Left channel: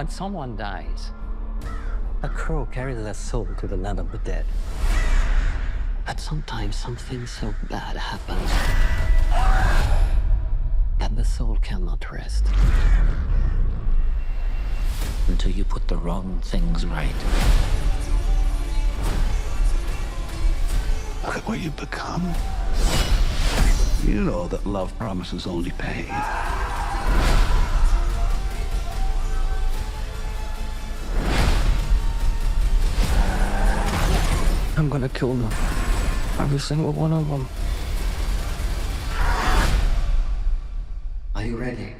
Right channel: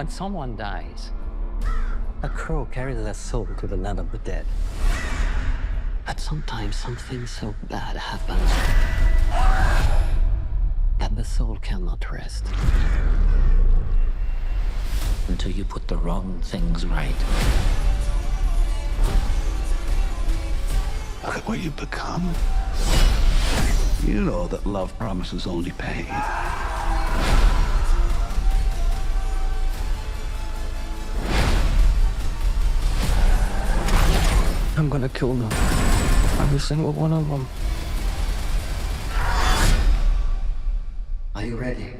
When someone dies, a crow carries their soul to the land of the dead. But sometimes something so bad happens that the soul cannot rest until you put the wrong things right. Look at what you've become. You know that love promises only pain. I'm gonna kill them. Every single one of them. Are you ready?